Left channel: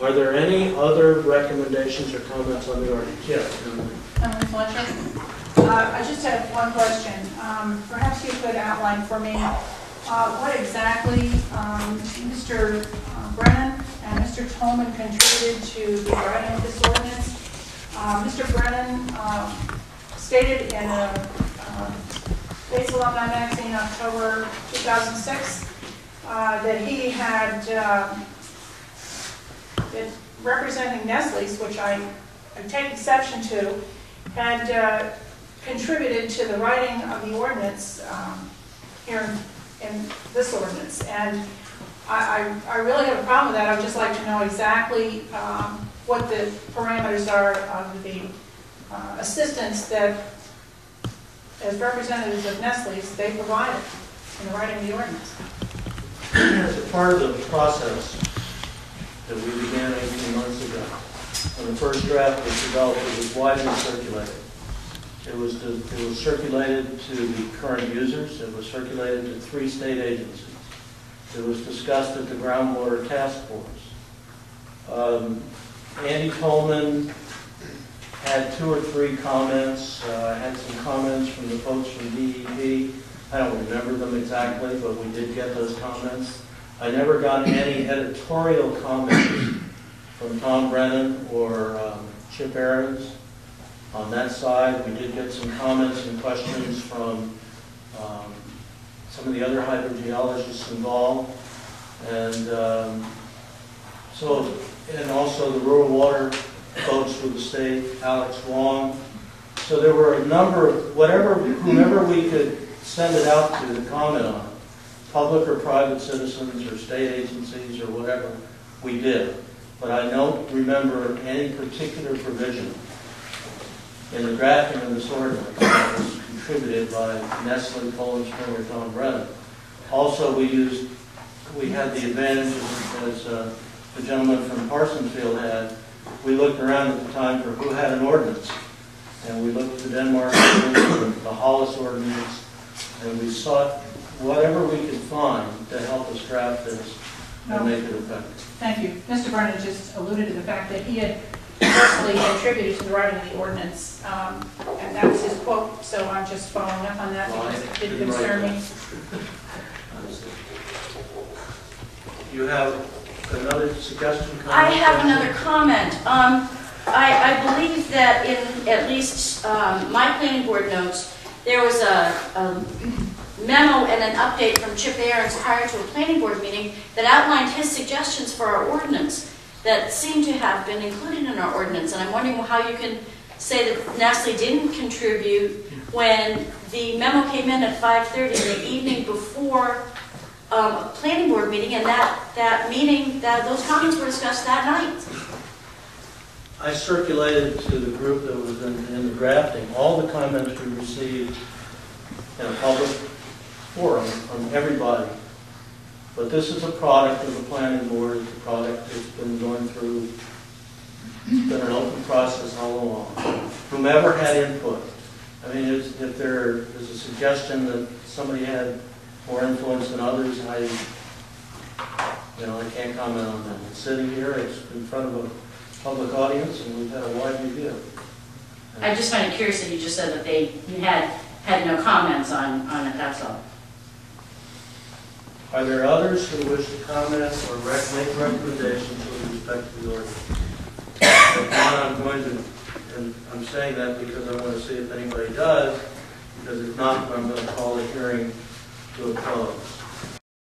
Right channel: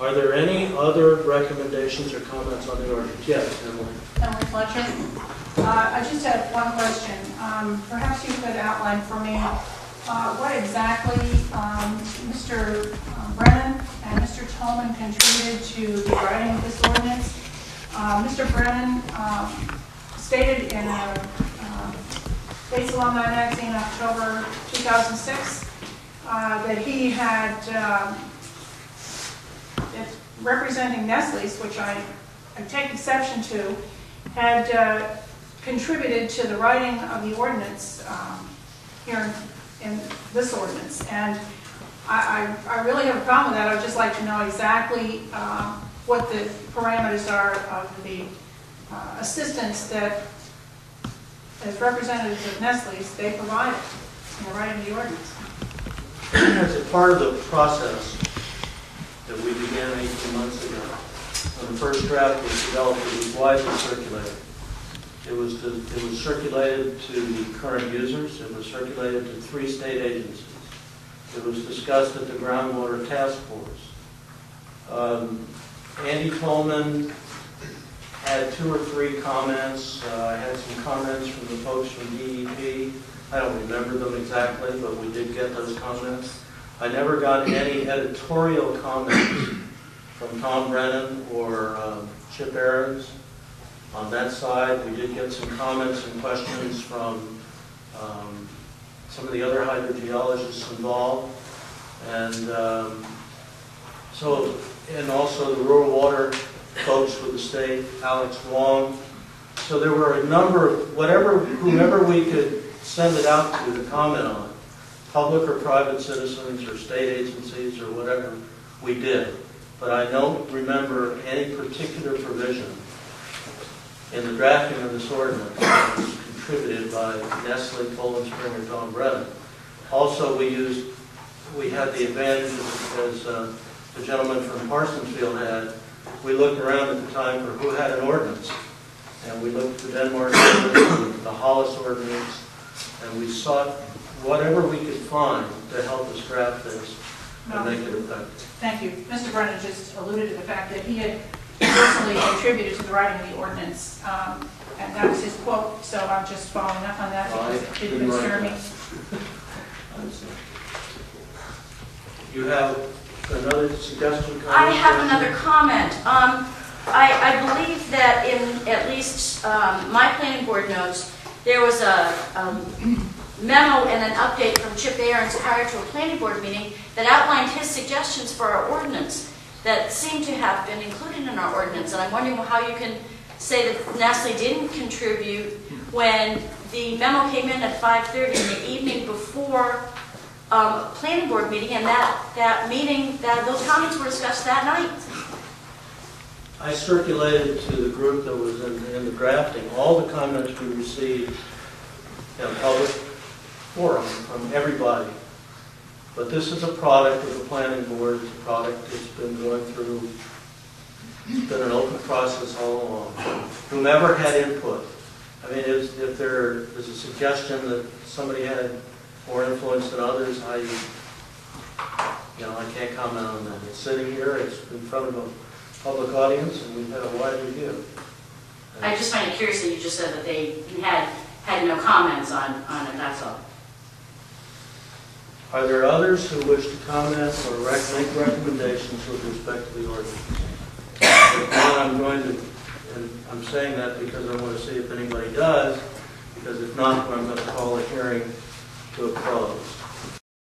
Are there any other recommendations or comments on the ordinance? Yes. Emily Fletcher. I just have one question. Perhaps you could outline for me what exactly Mr. Brennan and Mr. Tolman contributed to the writing of this ordinance. Mr. Brennan stated in a Bates Alumni Magazine, October 2006, that he had, representing Nestle's, which I take exception to, had contributed to the writing of the ordinance here in this ordinance. And I really have a problem with that. I would just like to know exactly what the parameters are of the assistance that, as representatives of Nestle's, they provided in the writing of the ordinance. As a part of the process that we began 18 months ago, when the first draft was developed, it was widely circulated. It was circulated to the current users. It was circulated to 3 state agencies. It was discussed at the Groundwater Task Force. Andy Coleman had 2 or 3 comments. Had some comments from the folks from DEP. I don't remember them exactly, but we did get those comments. I never got any editorial comments from Tom Brennan or Chip Aarons on that side. We did get some comments and questions from some of the other hydrogeologists involved, and and also the rural water folks with the state, Alex Wong. So there were a number of whomever we could send it out to comment on, public or private citizens or state agencies or whatever, we did. But I don't remember any particular provision in the drafting of this ordinance that was contributed by Nestle, Poland Spring, or Tom Brennan. Also, we had the advantage, as the gentleman from Parsonsfield had. We looked around at the time for who had an ordinance, and we looked at the Denmark ordinance, the Hollis ordinance, and we sought whatever we could find to help us draft this and make it effective. Thank you. Mr. Brennan just alluded to the fact that he had personally contributed to the writing of the ordinance, and that was his quote, so I'm just following up on that because it did concern me. You have another suggestion? I have another comment. I believe that in at least my planning board notes, there was a memo and an update from Chip Aarons prior to a planning board meeting that outlined his suggestions for our ordinance that seem to have been included in our ordinance. And I'm wondering how you can say that Nestle didn't contribute when the memo came in at 5:30 in the evening before planning board meeting, and that meeting, those comments were discussed that night. I circulated to the group that was in the drafting all the comments we received in a public forum from everybody. But this is a product of the planning board. It's a product that's been going through, it's been an open process all along. Whomever had input. I mean, if there is a suggestion that somebody had more influence than others, I can't comment on that. It's sitting here, it's in front of a public audience, and we've had a wide review. And I just find it curious that you just said that they had no comments on it, that's all. Are there others who wish to comment or make recommendations with respect to the ordinance? If not, I'm going to, and I'm saying that because I want to see if anybody does, because if not, I'm going to